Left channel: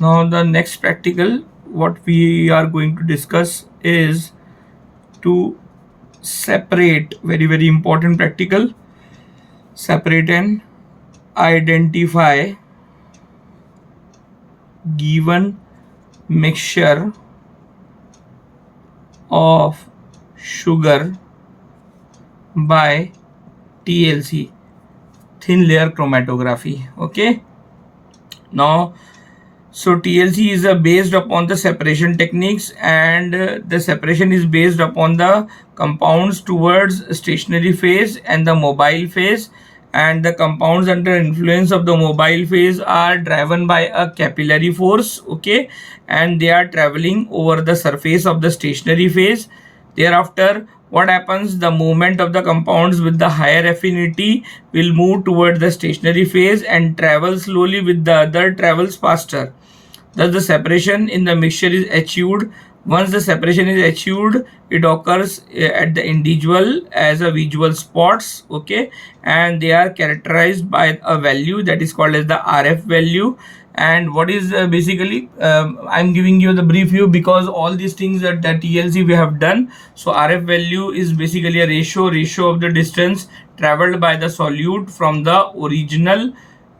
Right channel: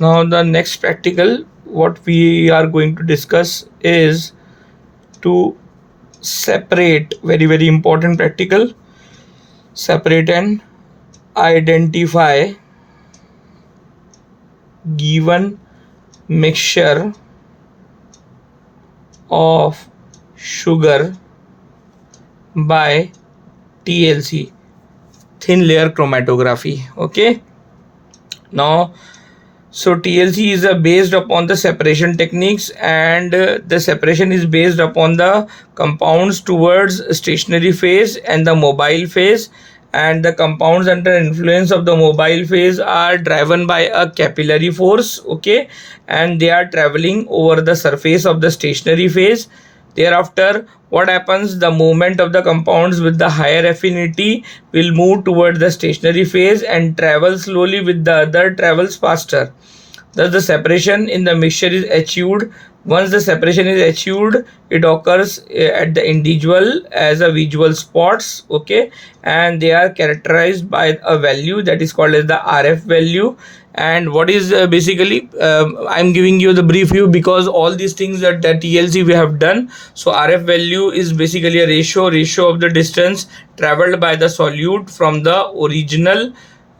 Now the next practical what we are going to discuss is to separate, very important practical, separate and identify given mixture of sugar by TLC, thin layer chromatography. Okay, now so TLC is based upon the separation techniques, and the separation is based upon the compounds towards stationary phase and the mobile phase, and the compounds under influence of the mobile phase are driven by a capillary force. Okay, and they are traveling over the surface of the stationary phase. Thereafter, what happens, the movement of the compounds with the higher affinity will move toward the stationary phase and travel slowly, with the other travels faster. Thus the separation in the mixture is achieved. Once the separation is achieved, it occurs at the individual as a visual spots. Okay, and they are characterized by a value that is called as the RF value. And what is basically I'm giving you the brief view because all these things that TLC we have done. So RF value is basically a ratio of the distance traveled by the solute from the original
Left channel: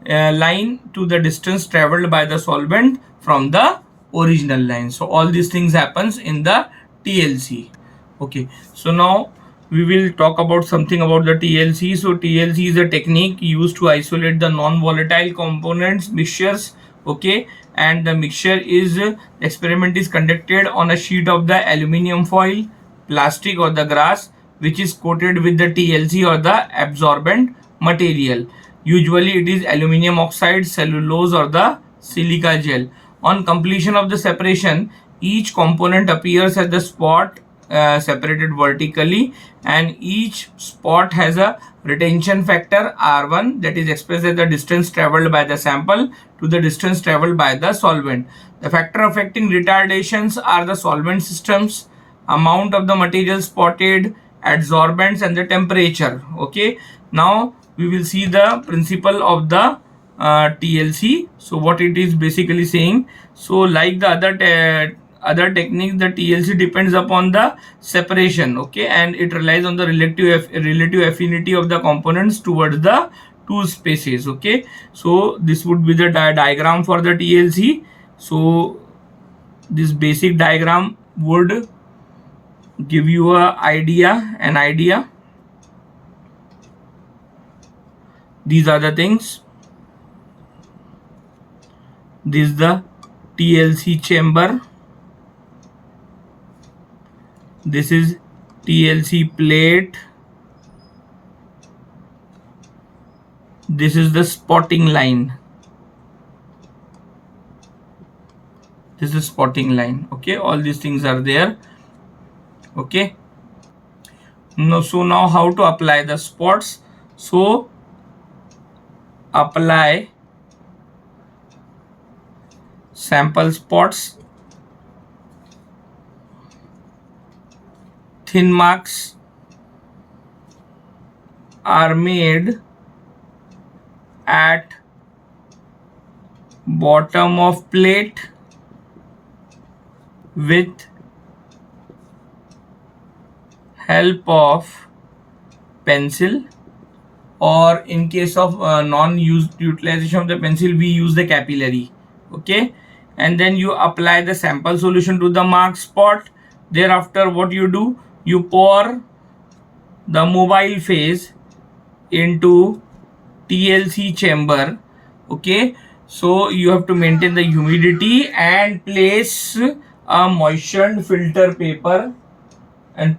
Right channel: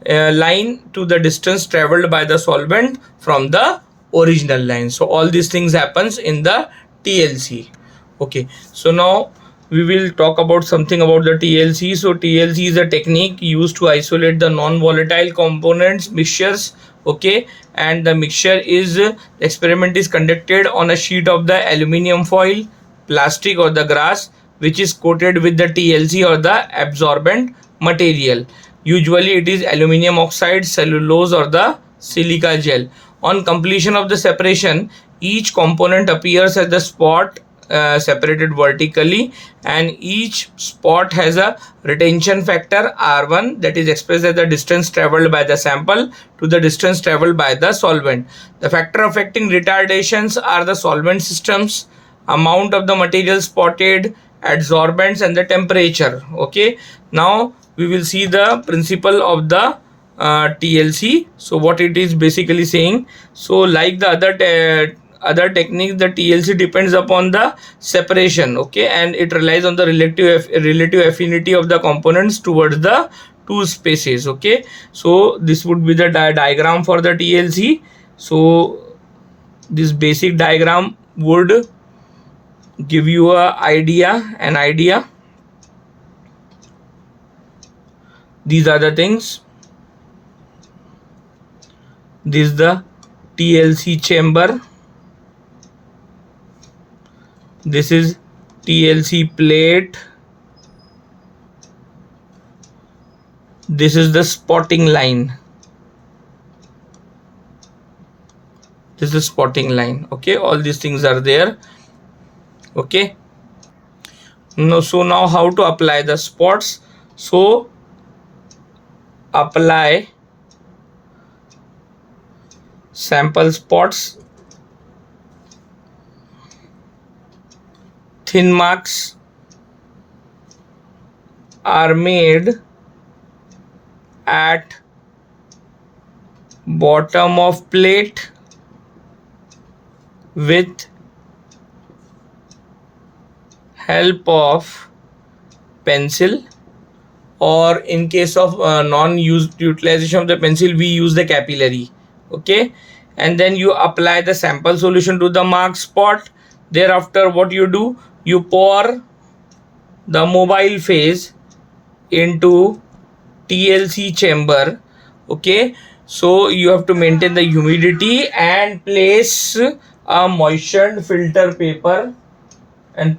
line to the distance traveled by the solvent from the original line. So all these things happens in the TLC. Okay, so now we will talk about something about the TLC. So TLC is a technique used to isolate the non-volatile components mixtures. Okay, and the mixture is the experiment is conducted on a sheet of the aluminium foil, plastic or the glass, which is coated with the TLC or the absorbent material. Usually it is aluminium oxide, cellulose or the silica gel. On completion of the separation, each component appears as the spot separated vertically, and each spot has a retention factor R1 that is expressed as the distance traveled by the sample to the distance traveled by the solvent. The factor affecting retardations are the solvent systems, amount of the material spotted, adsorbents and the temperature. Okay, now we will see the principle of the TLC. So what it is basically saying, so like the other techniques, the TLC depends upon the separation. Okay, and it relies on the relative affinity of the components towards the two spaces. Okay, so this would be the diagram for the TLC. So this basic diagram would give you an idea. These are the things. This is the TLC chamber. This is TLC plate. This is the spotting line. This is spotting line. Okay, all these things are there. Okay, so now how to apply the spots. So apply sample spots, thin marks are made at bottom of plate with help of pencil, or in case of non-used utilization of the pencil, we use the capillary. Okay, and then you apply the sample solution to the marked spot. Thereafter what you do, you pour the mobile phase into TLC chamber. Okay, so you have to maintain the humidity and place a moistened filter paper in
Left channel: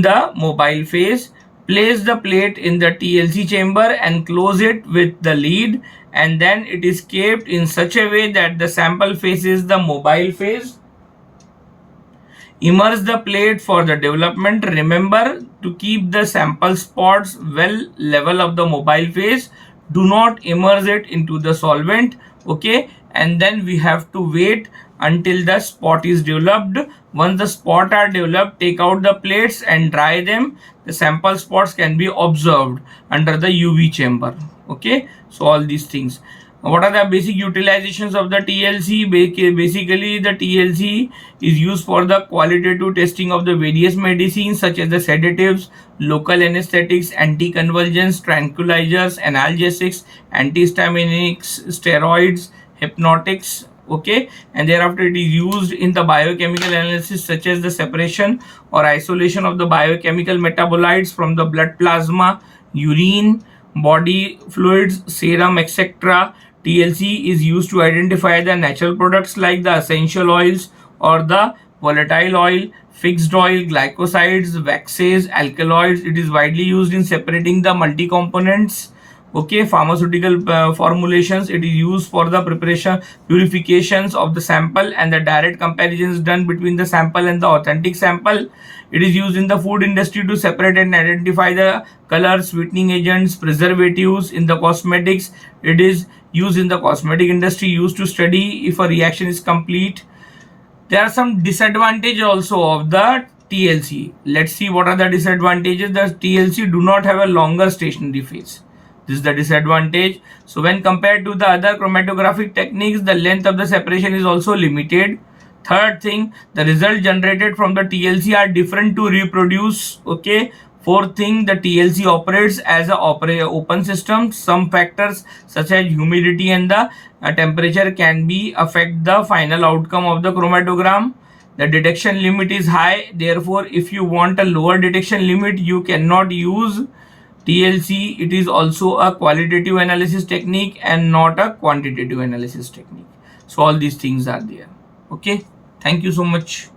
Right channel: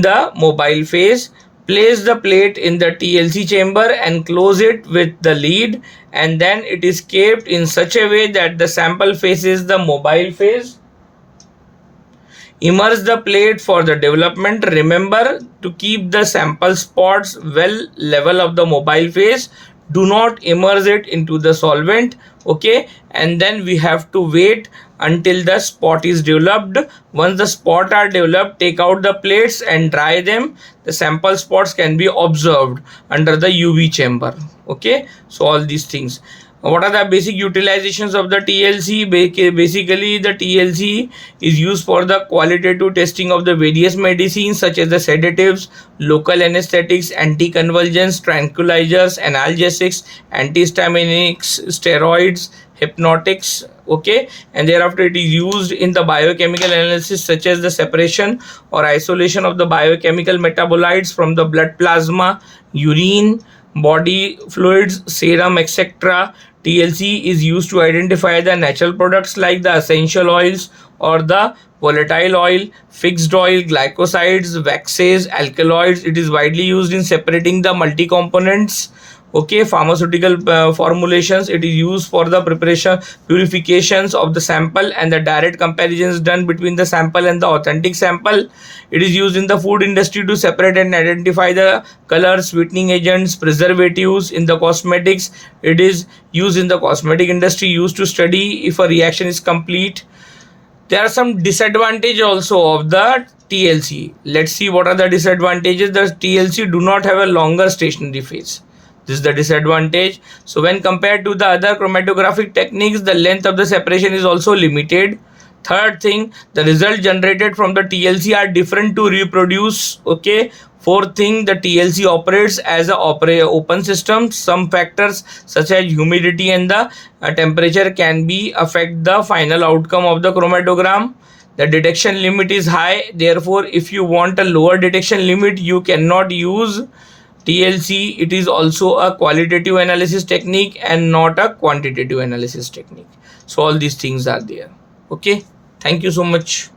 the mobile phase. Place the plate in the TLC chamber and close it with the lid, and then it is kept in such a way that the sample faces the mobile phase. Immerse the plate for the development. Remember to keep the sample spots well level of the mobile phase. Do not immerse it into the solvent. Okay, and then we have to wait until the spot is developed. Once the spot are developed, take out the plates and dry them. The sample spots can be observed under the UV chamber. Okay, so all these things. What are the basic utilizations of the TLC? Basically, the TLC is used for the qualitative testing of the various medicines such as the sedatives, local anesthetics, anticonvulsants, tranquilizers, analgesics, antihistaminics, steroids, hypnotics. Okay, and thereafter it is used in the biochemical analysis such as the separation or isolation of the biochemical metabolites from the blood plasma, urine, body fluids, serum, etc. TLC is used to identify the natural products like the essential oils or the volatile oil, fixed oil, glycosides, waxes, alkaloids. It is widely used in separating the multi-components. Okay, pharmaceutical formulations. It is used for the preparation, purifications of the sample and the direct comparisons done between the sample and the authentic sample. It is used in the food industry to separate and identify the colors, sweetening agents, preservatives. In the cosmetics, it is used in the cosmetic industry, used to study if a reaction is complete. There are some disadvantages also of the TLC. Let's see what are the disadvantages. The TLC do not have a longer stationary phase. This is the disadvantage. So when compared to the other chromatographic techniques, the length of the separation is also limited. Third thing, the result generated from the TLC are different to reproduce. Okay. Fourth thing, the TLC operates as a open system. Some factors such as humidity and the temperature can be affect the final outcome of the chromatogram. The detection limit is high. Therefore, if you want a lower detection limit, you cannot use TLC. It is also a qualitative analysis technique and not a quantitative analysis technique. So all these things are there. Okay. Thank you so much.